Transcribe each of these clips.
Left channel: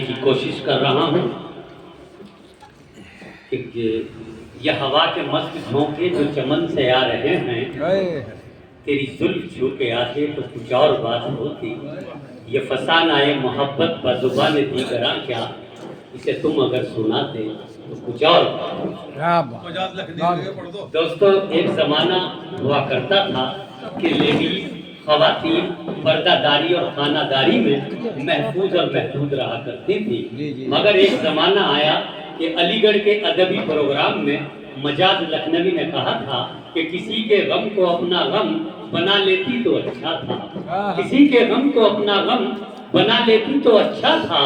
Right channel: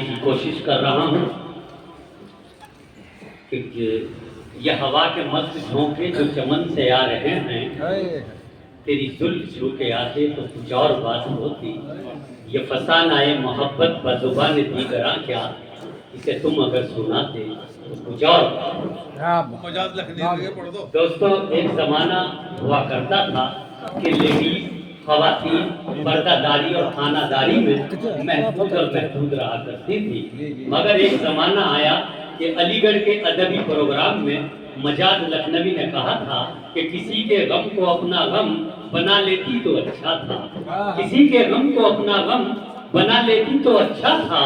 की कोशिश कर रहा हूँ कि यह हवा के मस्त झोंके जो चमन से आ रहे हैं, तेरी जुल्फ छू के आते तो कुछ और बात होती। ये फसान आए मोहब्बत बजुबान दीगरा क्या, इसे तुम अगर सुनाते तो कुछ और। दोस्तों, एक जमाना हुआ करता था कि लेडीज खवातीन पर्दादारी और खानादारी में महफूज और महदूद रहा करती थी। मगर एक जमाना आया कि अलीगढ़ के अदबी प्रोग्राम में मजाज लखनवी ने कहा था कि किसी के गम को अपना गम बना लेती तो अच्छा था, किसी के गम को अपना गम बना लेती तो अच्छा था,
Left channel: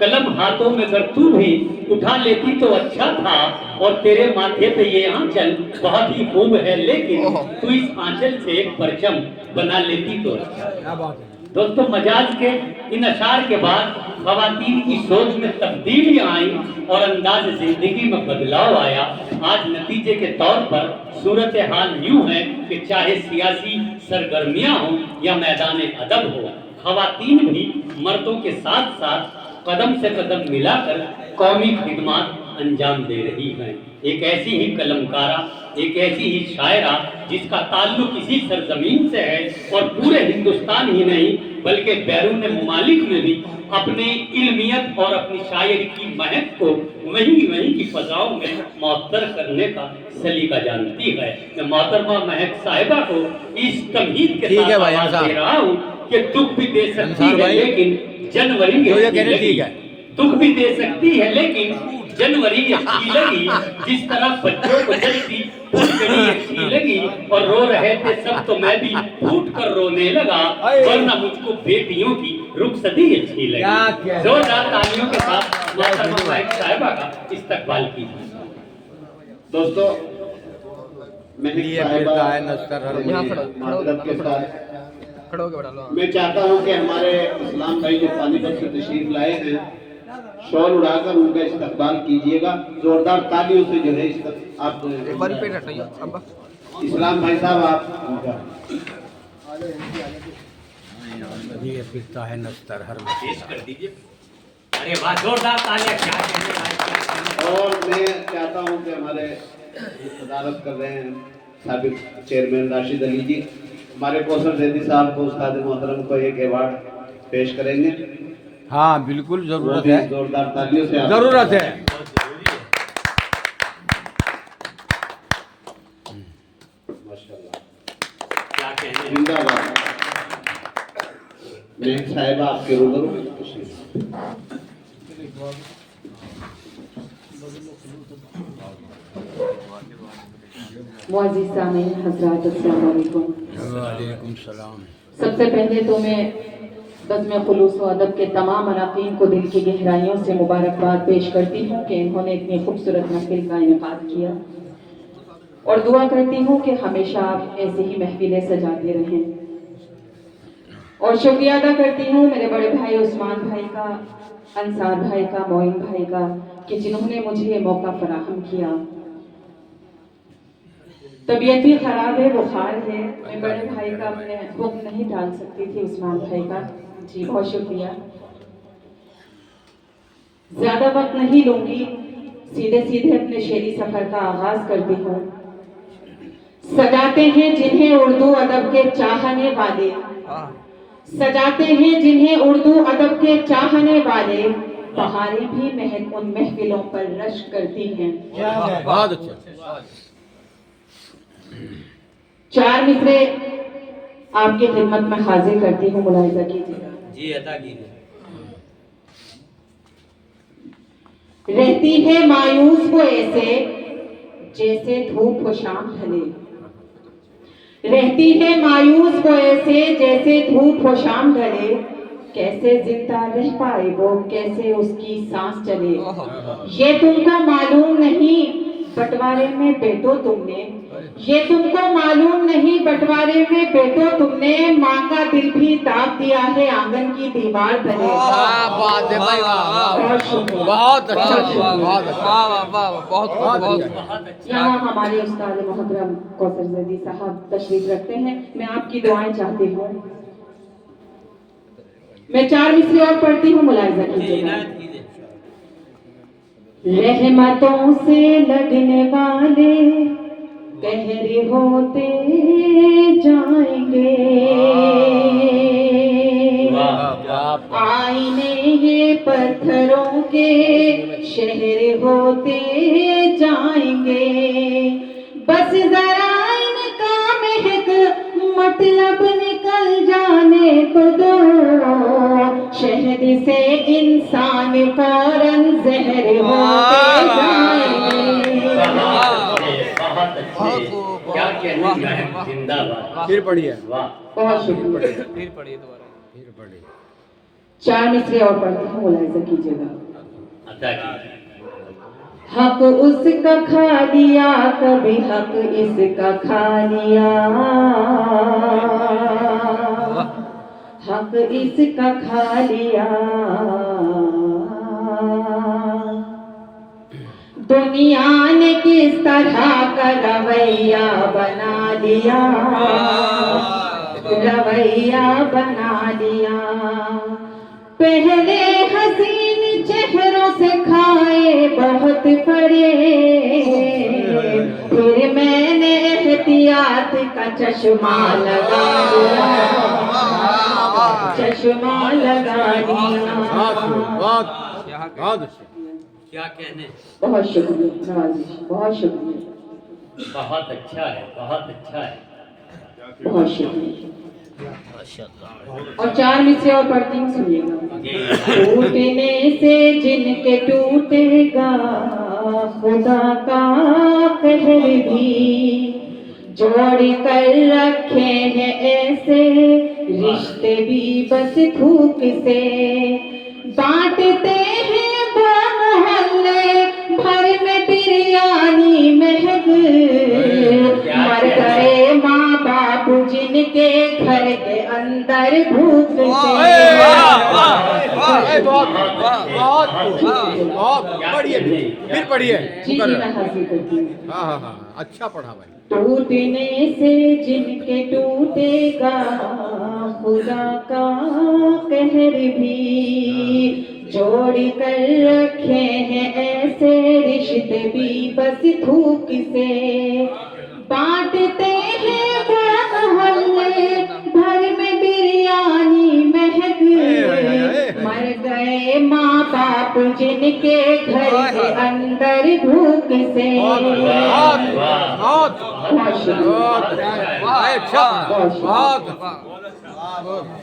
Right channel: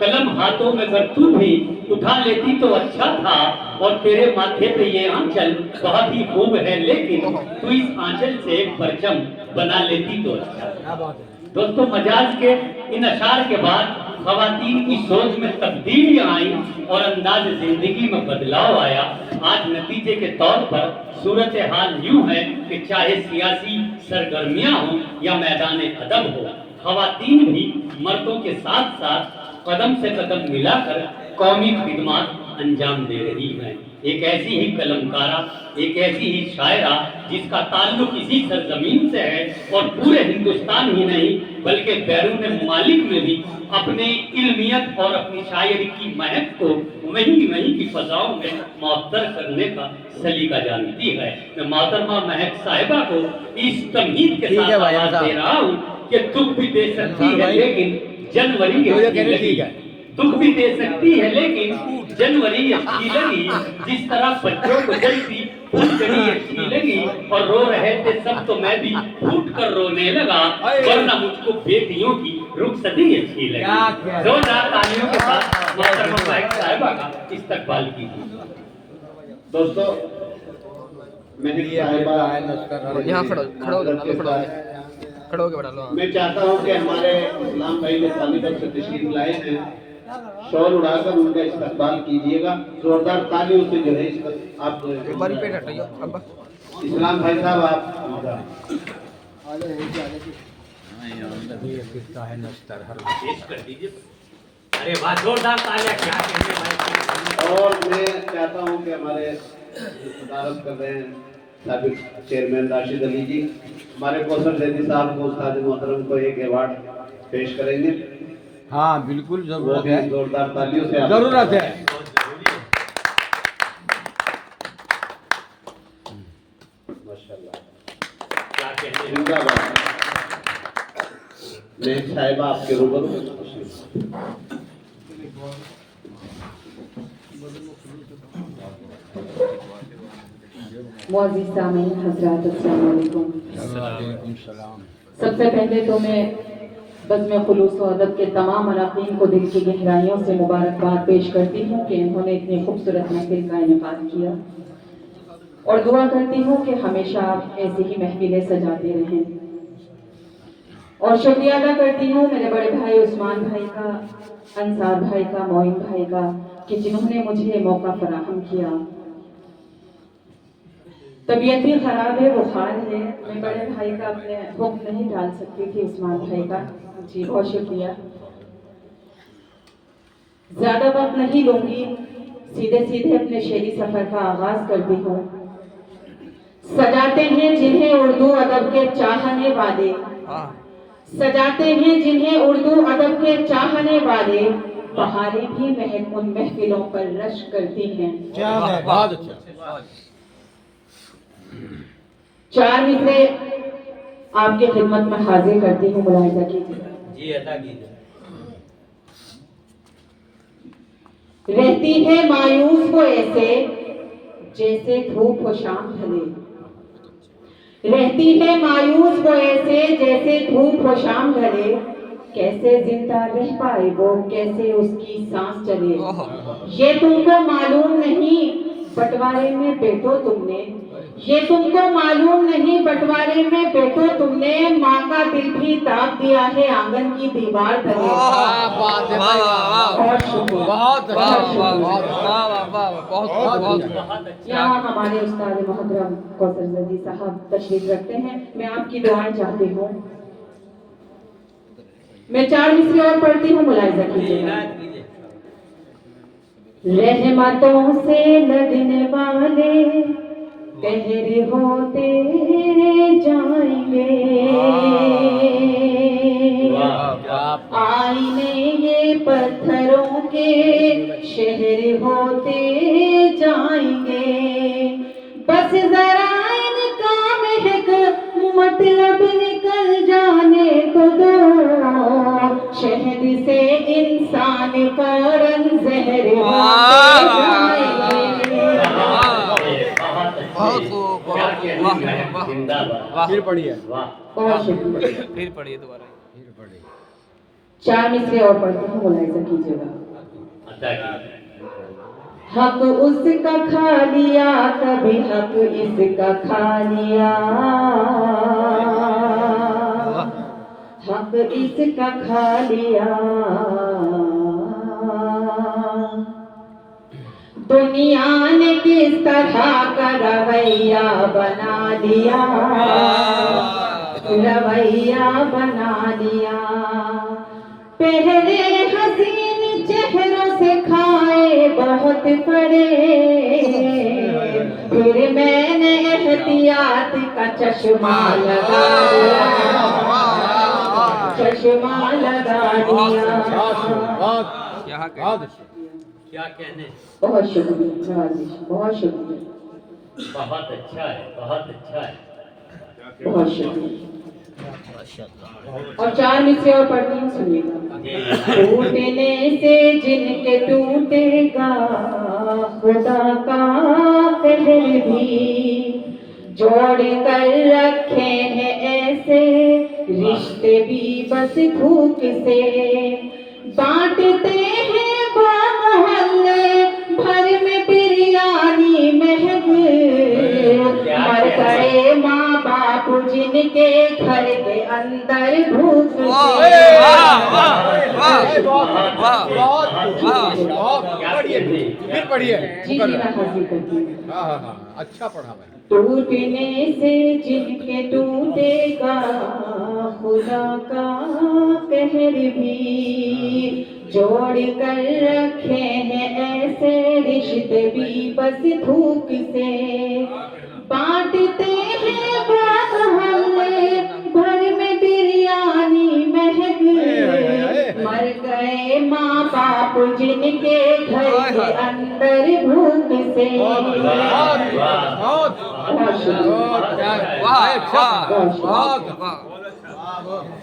कलम हाथों में अगर तू भी उठा लेती तो अच्छा था, और तेरे माथे पे ये आंचल बहुत ही खूब है, लेकिन तू इस आंचल से एक परचम बना लेती तो अच्छा। दोस्तों, मजाज के इन अशार के बाद खवातीन की सोच में तब्दीली आई और अंदाज जिंदगी में बदलाव आया। आज नतीजे के तौर पर सूरत हाल यूं है कि चाहे सियासी सरगर्मियां हो या मैदान अदब हो, खवातीन भी मर्दों के साथ साथ कदम से कदम मिलाकर कौमी खिदमत अंजाम दे रही हैं। एक ऐसी ही कलमकारा, एक ऐसी ही शायरा जिसका ताल्लुक इसी सरजमीन से है और पूरे हिंदुस्तान ही नहीं बल्कि बैरून मुमालिक में भी अपने इल्मियत और अपनी शायरी की महक को वहीं की फजाओं में मअत्तर करने का सलीका जानती है। मैं मोहतरमा महक साहिबा को इस तमहीद के साथ आवाज दे रहा हूँ कि दुख भी दे सकती है लेकिन जनवरी दुख भी दे सकती है लेकिन जनवरी अच्छी लगी। जिस तरह बच्चों को जल्दी फुटकड़ी अच्छी लगी और रो रहे थे सब तो मैं भी फूट कर रोने लगा, वरना मुझको बेटियों की रुखसती अच्छी लगी। जोरदार तालियों के साथ मोहतरमा महक साहिबा का इस्तकबाल कीजिए। दोस्तों, मैं चाहता हूं कि हमारे इस्लाम भाई जो पानीपत से तशरीफ लाए हैं, शॉल उड़ाकर उनका इस्तकबाल कीजिएगा। जोरदार तालियों से जो है आप एक बार पेट हटाइए अब्बा। इस्लाम भाई साहब, आप पेश कर दीजिए। अरे वाह, जोरदार तालियां। क्या कहते हैं। और मैं चाहता हूं कि हमारे सदारत कर रहे हैं साबिक चेयरमैन राशिद अली जी, हमारे कौसर जैदी साहब को, उस्ताद मोहतरम को एक अवार्ड पेश करेंगे। हाँ बिल्कुल जरूरत है, जोरदार तालियों से जरूरत है। क्या कहते जिंदाबाद। महक साहिबा आपके रूबरू। मुअज़्ज़िज़ सामीन हज़रात, अस्सलामु अलैकुम। वालेकुम सलाम। सबसे पहले तो मैं बज़्म खुलूस व अदब के तमाम अराकीन को दिल की गहराइयों से मुबारकबाद पेश करती हूँ कि इन्होंने इतनी खूबसूरत महफिल का इनेकाद किया, और दुआ करती हूँ कि हमेशा आप ऐसी ही महफिलें सजाते रहें। और शुक्रिया अदा करती हूँ मेरे बड़े भाई उस्मान भाई का, अंसार भाई का, मोइन भाई का, कि जिन्होंने मुझे मौका फराहम किया। तबीयत भी खराब है, बुखार है, मैं बड़े भाई का अपने हुक्म नहीं डाल सकती थी, उस्मान भाई का। जी बहुत शुक्रिया। ज्यादा वक्त नहीं लूंगी, सीधे सीधे अपने शेरी सफर का आगाज करती हूँ। सजाते हैं जिन्हें उर्दू अदब के चाहने वाले, सजाते हैं जिन्हें उर्दू अदब के चाहने वाले, बहारें भी उन महफिलों पर रश करती हैं। बहुत अच्छा। चार मिसरे आपकी खिदमत में हाजिर करती हूँ, मुलाहिजा कीजिएगा। जी, अदा कीजिए। रहती है मायूस वो ऐसे जैसे धूप हो शाम ढले, रहती है मायूस वो ऐसे जैसे धूप हो शाम ढले, कैसे जिंदा रह पाए वो, कैसे उसकी सांस चले। ये तुमको मालूम नहीं बंटवारे में बैठो तुमने, ये तुमको मालूम नहीं बंटवारे में बैठो तुमने, माँ का दिल भी दाब दिया है आंगन की दीवार तले। यहाँ हमारे उस्ताद मोहतरम कौसर जैदी साहब तशरीफ रखते हैं, मैं आपकी दुआएं चाहती हूँ। मैं 4 मिसरे और पढ़ती हूँ, मुलाहिजा कीजिएगा। रहमतों से लगने वाले कहर होते जाएंगे, आईने ये पत्थरों के शहर होते जाएंगे। बस जरा इनका महक मतलब निकल जाने को दो, शहद से इंसान फौरन जहर होते जाएंगे। फिर पढ़िए। बहुत शुक्रिया। फिर पढ़िए दोबारा। 4 मिसरे और पढ़ती हूँ, मुलाहिजा कीजिएगा। हक उसका खा लिया, कभी हक इसका खा लिया, हक इसका खा लिया। दुनिया ने किस तरह का रवैया बना लिया, रवैया बना लिया। पहले हसीन चेहरों से खाए बहुत पड़े, फिर मैंने एहतियात का चश्मा लगा लिया, चश्मा लगा लिया। क्या कहने। बहुत शुक्रिया नवाजिश, बहुत शुक्रिया, बहुत अच्छा है, बहुत अच्छा है। बहुत शुक्रिया। और 4 मिसरे और पढ़ती हूँ, सुनिएगा। टूटने से जिनके टूटेगा खुदा का कहर भी, जोड़ कर रखे हैं ऐसे रिश्ते भी बस थूक से। बांटते हैं मोहल्ले भर में बिरयानी महक, मर गए माँ बाप जिनके घर के अंदर भूख से। फिर पढ़िए। जी मैं हासिल करती हूँ। हाँ, अच्छा पढ़ा भाई। टूटने से जिनके टूटेगा खुदा का कहर भी, जोड़ कर रखे हैं ऐसे रिश्ते भी बस थूक से। बांटते हैं मोहल्ले भर में बिरयानी महक, मर गए माँ बाप जिनके घर के अंदर भूख से।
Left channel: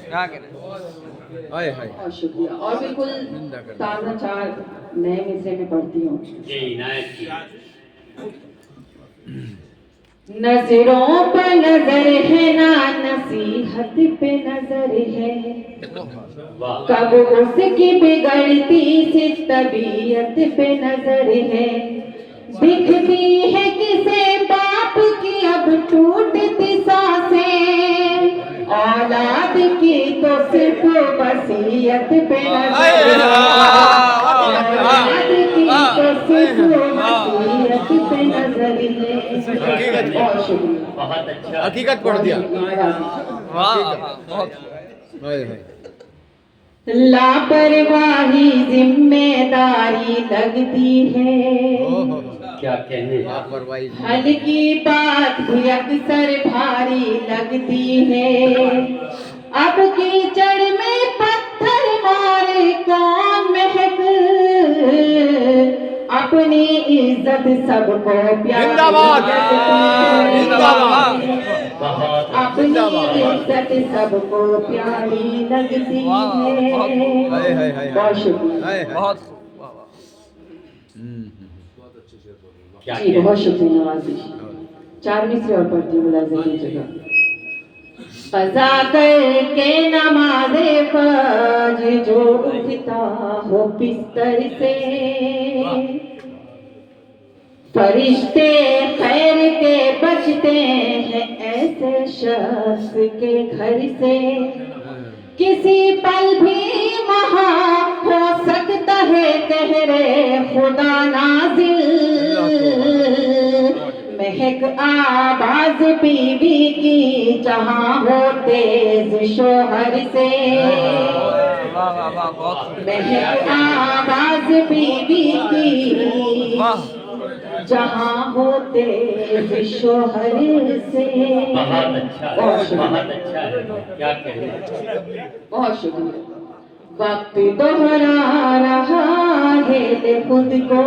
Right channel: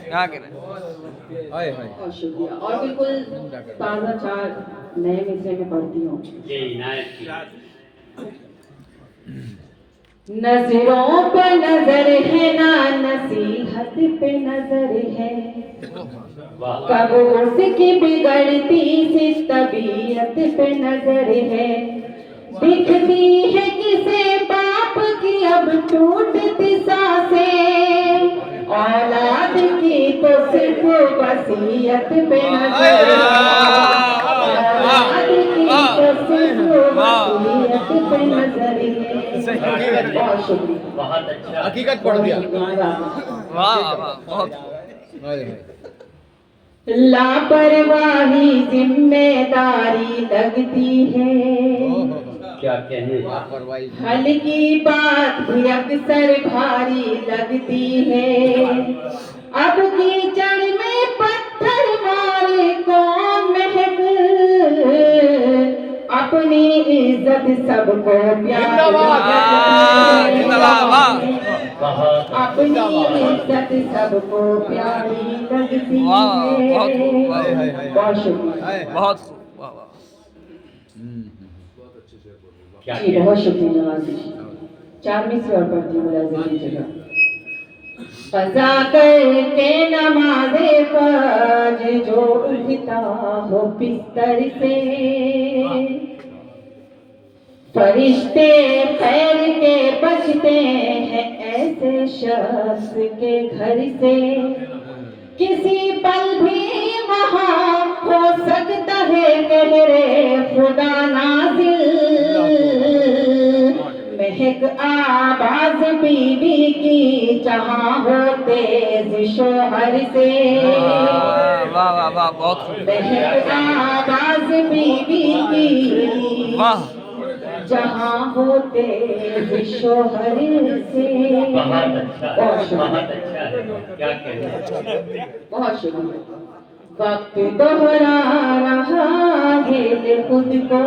क्या कहना बहुत शुक्रिया। और बिल्कुल ताज़ा 4 नए मिसरे में पढ़ती हूँ। जी इनायत की। नजरों पे नजर है ना नसीहत पे नजर है, कब उसकी बिगड़ती सी तबीयत पे नजर है। दिखती है किसे बाप की अब टूटती सांसें, औलाद की तो सिर्फ वसीयत पे नजर है, औलाद की तो सिर्फ वसीयत पे नजर है। बहुत शुक्रिया। बहुत अच्छा। हकीकत पढ़ दिया। वाह वाह बहुत। लापरवाही जिम्मेदारी लगती है, क्या कहने। लापरवाही हल्की बात भी अक्सर भारी लगती है। अब कीचड़ में पत्थर मारे कौन महक, अपनी इज्जत सबको प्यारी अपनी इज्जत सबको प्यारी लगती है। बहुत शुक्रिया। बहुत खूब। वाह वाह। जी बहुत शुक्रिया नवाजिश। 4 मिसरे और पढ़ती हूँ, मुलाहिजा कीजिएगा। कज़ा करके नमाज़े फज्र जो उठता हो बिस्तर से, फरिश्ते खैर के बचते हैं ऐसे शख्स के घर से। किसी पल भी वहाँ हो सकता है कहरे खुदा नाज़िल, महक आवाज बीवी की जहाँ हो तेज शोहर से। वाह वाह वाह बहुत खूब। महक आवाज बीवी की वाह जहाँ होते शोहर से। बहुत अच्छा है, बहुत शुक्रिया, बहुत अच्छा है, क्या कहने। बहुत शुक्रिया। वक्त दोहरा रहा है ले खुद को,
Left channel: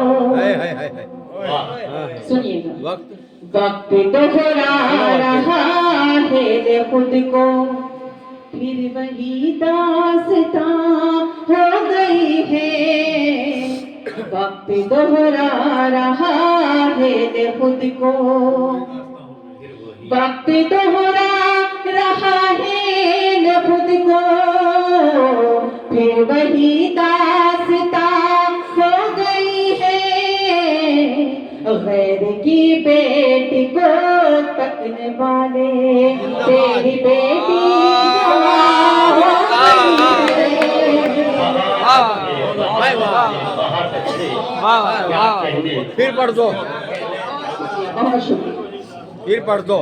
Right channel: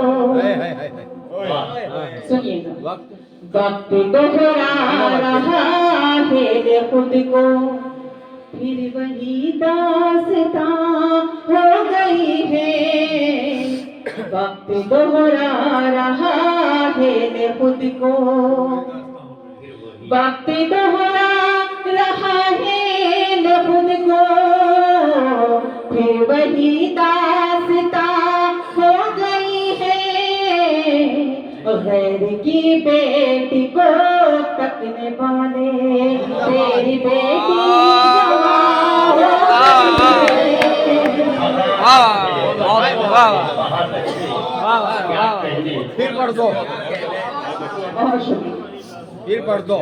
वाह सुनिएगा, वक्त वक्त दोहरा रहा है ले खुद को, फिर वही दास्तां हो गई है। वक्त दोहरा रहा है ले खुद को, वक्त दोहरा रहा है ले खुद को, फिर वही दास्तां हो गई है। गैर की बेटी को तकने वाले तेरी बेटी जवान हो गई है। वाह बहुत खूब, वाह बहुत अच्छे, वाह क्या वाह कहने। फिर पढ़ दो, बहुत शुक्रिया, फिर पढ़ दो।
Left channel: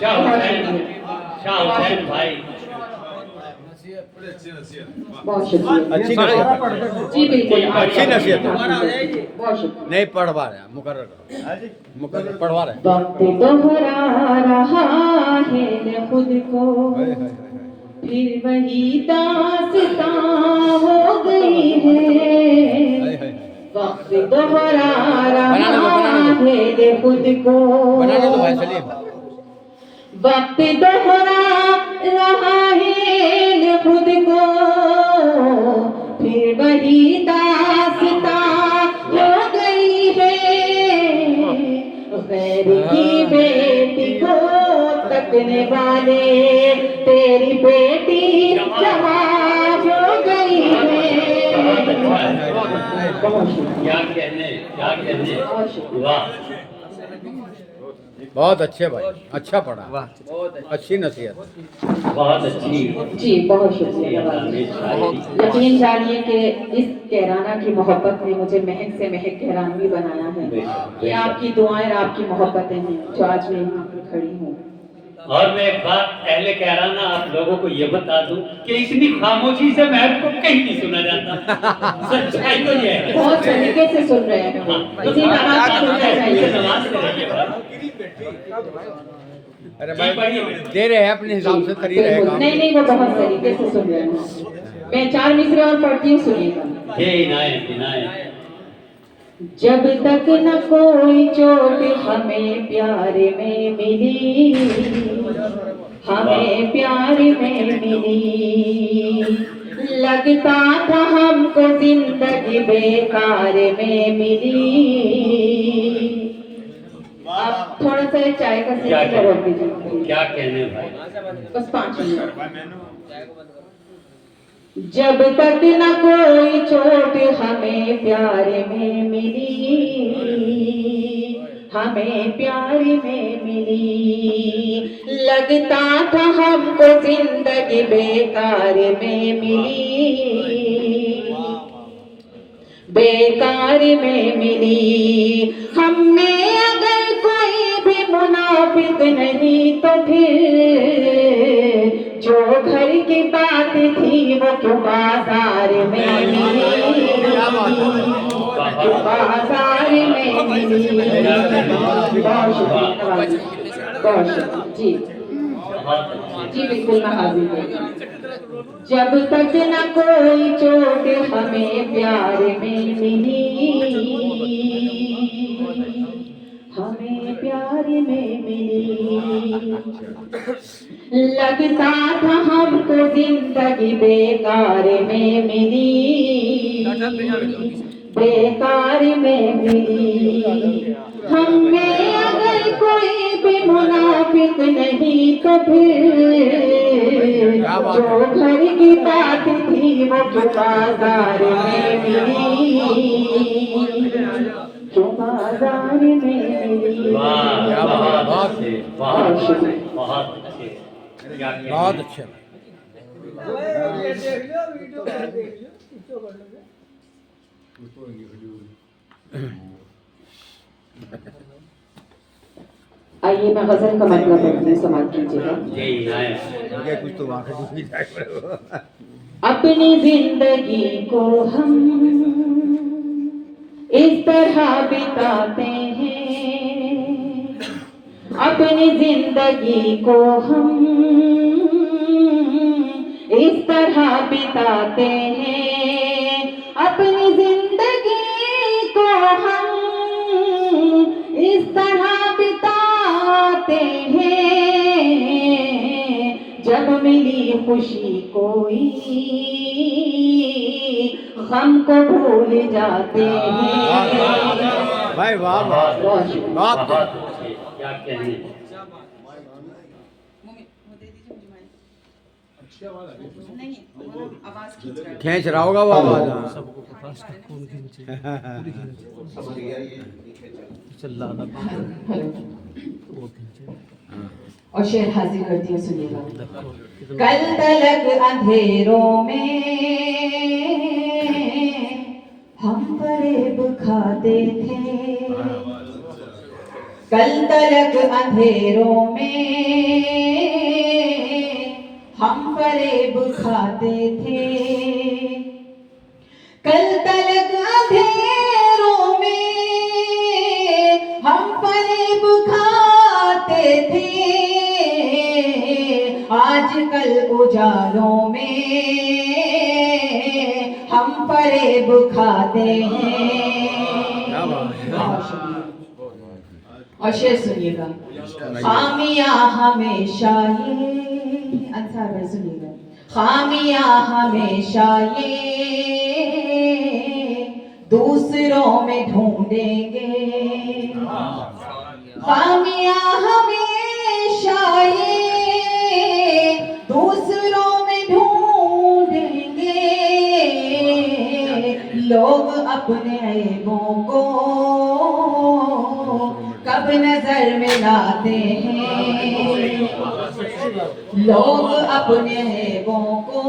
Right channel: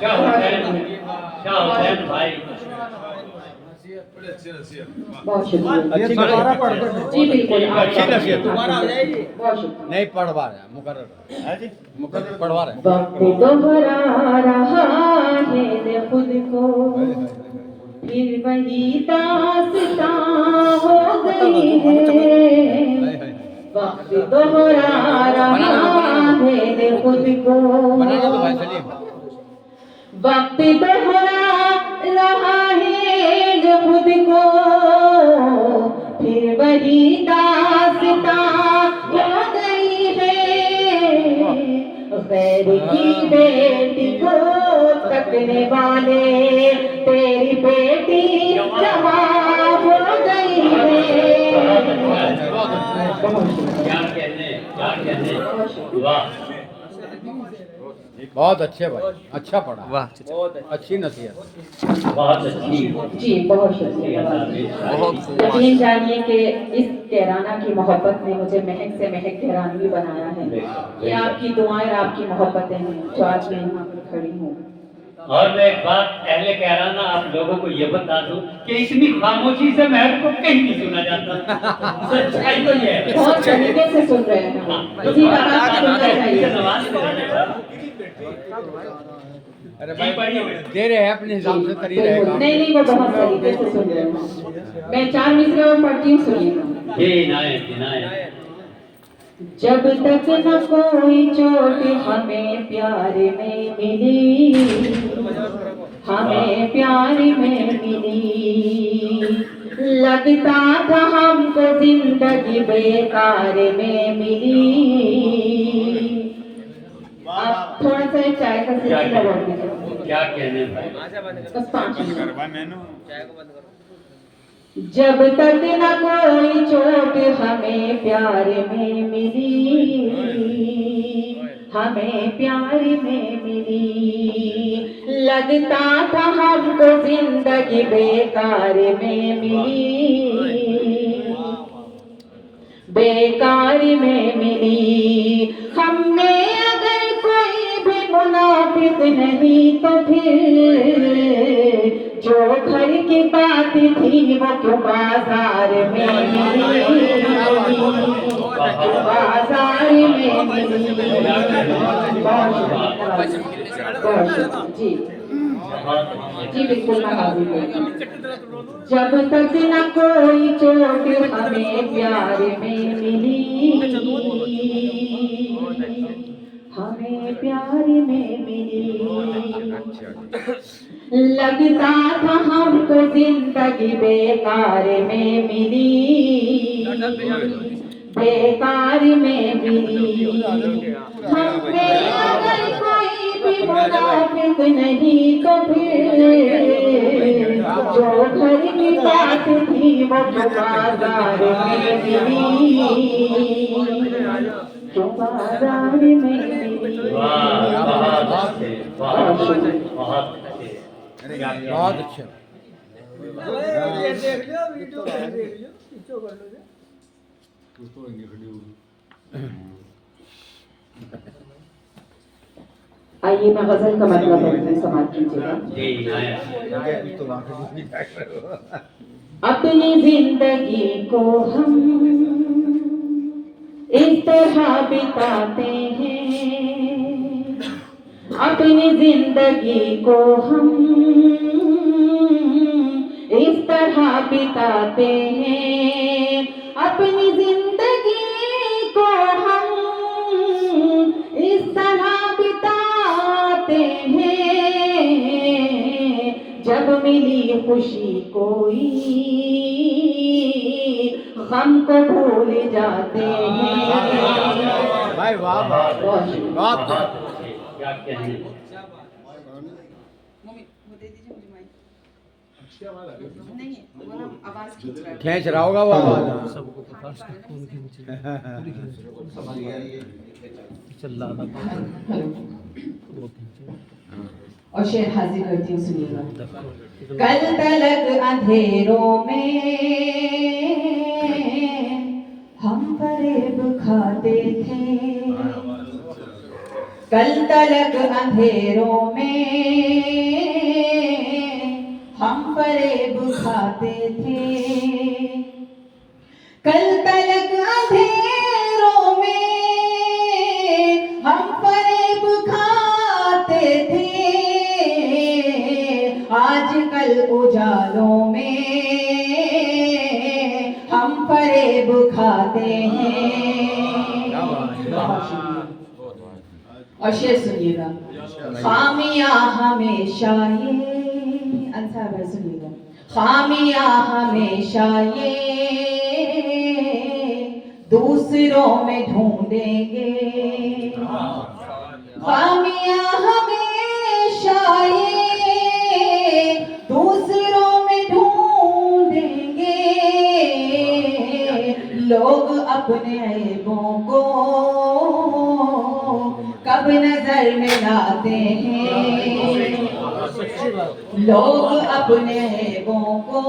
शाह हुसैन भाई, बहुत शुक्रिया। अच्छी नसीहत, जी बिल्कुल, अच्छी नसीहत। बहुत शुक्रिया। नहीं पढ़वा रहे, मुकर्रर पढ़वा रहे। वक्त दोहरा रहा है ले खुद को, फिर वही दास्तां हो गई है। वक्त दोहरा रहा है ले खुद को, बनाने दो भाई सलीम। वक्त दोहरा रहा है ले खुद को, फिर वही दास्तां हो गई है। गैर की बेटी को तकने वाले तेरी बेटी जवान हो गई है। क्या कहने, क्या कहने। वाह बहुत अच्छे भाई, अच्छा पढ़ा, वाह अच्छी नसीहत। बहुत अच्छी, जी बहुत शुक्रिया। बहुत खूब। यकीन जानिए कि इस कैराना की मोहब्बत ने मुझे महक से महक कैरानवी बनाया है। ये आपकी दुआएं और आपकी मोहब्बतें हैं जो आज मैं यहाँ पर खड़ी हूँ। और मैं एक बात पहले कह रहा ना आप लोगों को ये बता दूं कि इतनी खामोशी से महक को कहीं नहीं सुना जाता। सच्चाई तो ये है। बहुत तरीके से सुन रहे हैं हम, इसी तरह से सुनना ये चाहिए। समाज से रहने का। अरे जी, पढ़िए। दे रहे हैं अपने हिसाब से करी रहेगा। नहीं नहीं, वो बहुत तरीके से सुन रहे हैं। मैं 4 मिसरे और पढ़ती हूँ, सुनिएगा। ये इनायत, इनायत। जब तक न कोई चोट हमें प्यार में मिली, हमें प्यार में मिली, लगता था हमको जिंदगी बेकार में मिली। आप थोड़ा सा चाय का क्या सिलसिला रोक दीजिए, क्या कहने भाई। बस 5 मिनट। जब तक न कोई चोट हमें प्यार में मिली, हमें प्यार में मिली, लगता था हमको जिंदगी बेकार में मिली, बेकार में मिली। हमें अगर कोई भी मुनाफिक नहीं तो फिर जो घर की बात थी वो तो बाजार में मिली, जो बाजार में मिली। बहुत शुक्रिया, बहुत शुक्रिया। जी जी बिल्कुल मैं हाजिर हूँ। जब तक न कोई चोट हमें प्यार में मिली, हमें प्यार में मिली, लगता था हमको जिंदगी बेकार में मिली, बेकार में मिली। हमें अगर कोई भी मुनाफिक नहीं तो फिर जो घर की बात थी वो जो बाजार में मिली, जो बाजार में मिली। बहुत अच्छे, बहुत अच्छे, बहुत अच्छे। क्या कहने। बहुत अच्छे। आइए मैं गजल का मतलब बोलती हूँ, समाप्त कीजिएगा। ये इनायत। कुछ तो वहाँ अपनी जिंदगी को हम इस तरह बिताते हैं, अपनी जिंदगी को हम इस तरह बिताते हैं, अपनी जिंदगी को हम इस तरह बिताते हैं, जब मिली खुशी कोई गम को भूल जाते हैं। भाई वाह वाह बात क्या कहने। खींच रहा होगा वो आवाज। सबको पता है इसका कौन खींचे पूरी खींचे चल रहा था वो खींचे। और शेर हाजिर करती हूँ, सुनिएगा। देखो कल तलक अंधेरों में हम फरेब खाते थे, कल तलक अंधेरों में हम फरेब खाते थे, कल तलक अंधेरों में हम फरेब खाते थे, आजकल उजालों में हम फरेब खाते हैं। और शेर सुनिएगा। खामियां हमेशा ये अंसार भाई सुनिएगा। खामियां हमेशा ये दूसरों में ढूंढेंगे, खामियां हमेशा ये दूसरों में ढूंढेंगे, लोग अपने ऐबों को कब नजर में लाते हैं, लोग अपने ऐबों को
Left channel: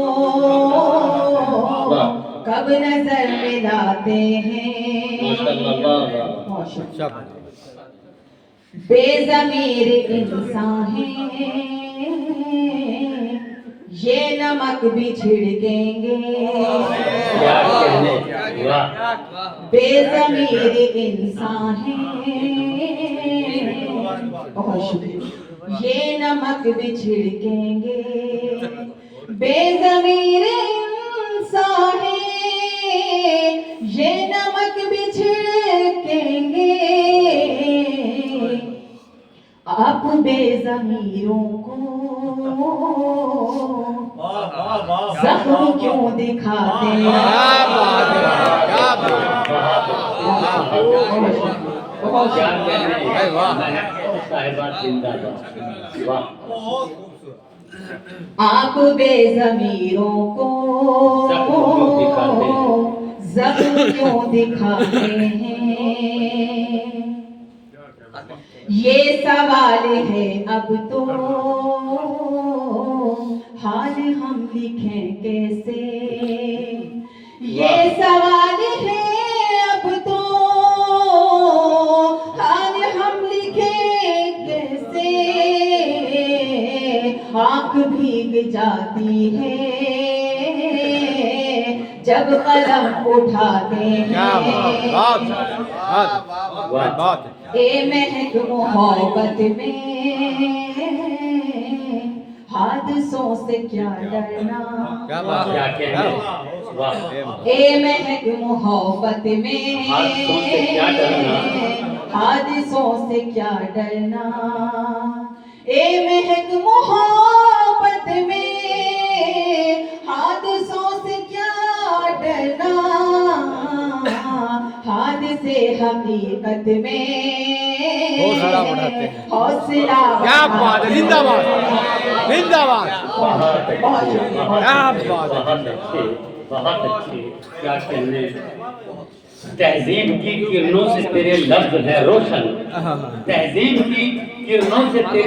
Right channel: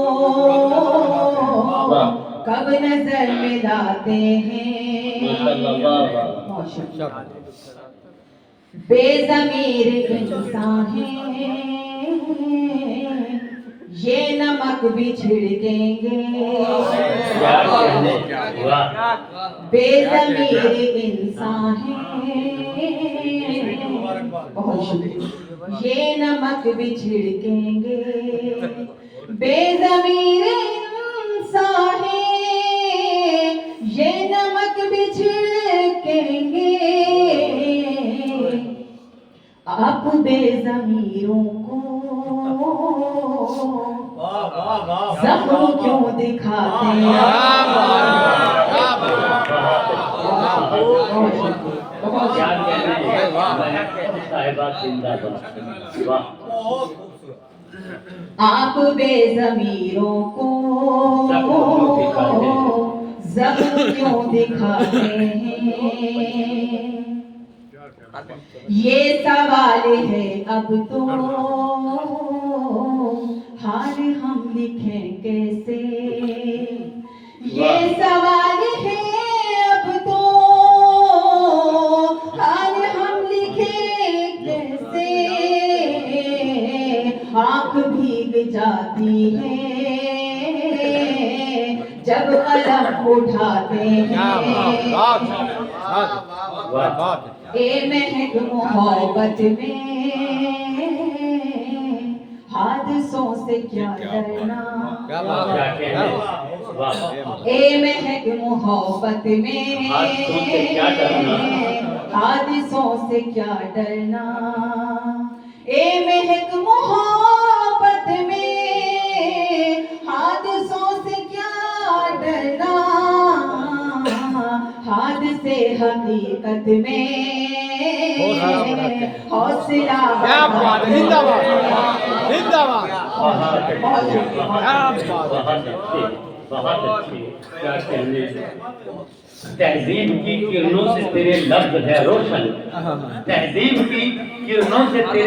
कब नजर में लाते हैं। बेज़मीर इंसान हैं, ये नमक भी छिड़केंगे, क्या कहने। बेज़मीर इंसान हैं, बहुत शुक्रिया, ये नमक भी छिड़केंगे, बेज़मीर इंसान हैं, ये नमक भी छिड़केंगे, आप बेज़मीरों को जख्म क्यों दिखाते हैं। क्या कहने। साहिबात जिंदाबाद। वाह। आप बेज़मीरों को जख्म क्यों दिखाते हैं, ये सवाल है अब तो हाल हम लिखें कैसे, ये सवाल है अब तो हाल हम लिखें कैसे, आँख भीग जाती है जब कलम उठाते हैं, ए महक मोहब्बत में हादसों से क्या डरना, क्या कहने। ए महक मोहब्बत में हादसों से क्या डरना, ए महक मोहब्बत में हादसों से क्या डरना, हादसे हकीकत में हौसला बहुत अच्छे। क्या कहने। तहजीब की किरणों से तेरे लफ्ज है रोशन, तहजीब की किरणों से तेरे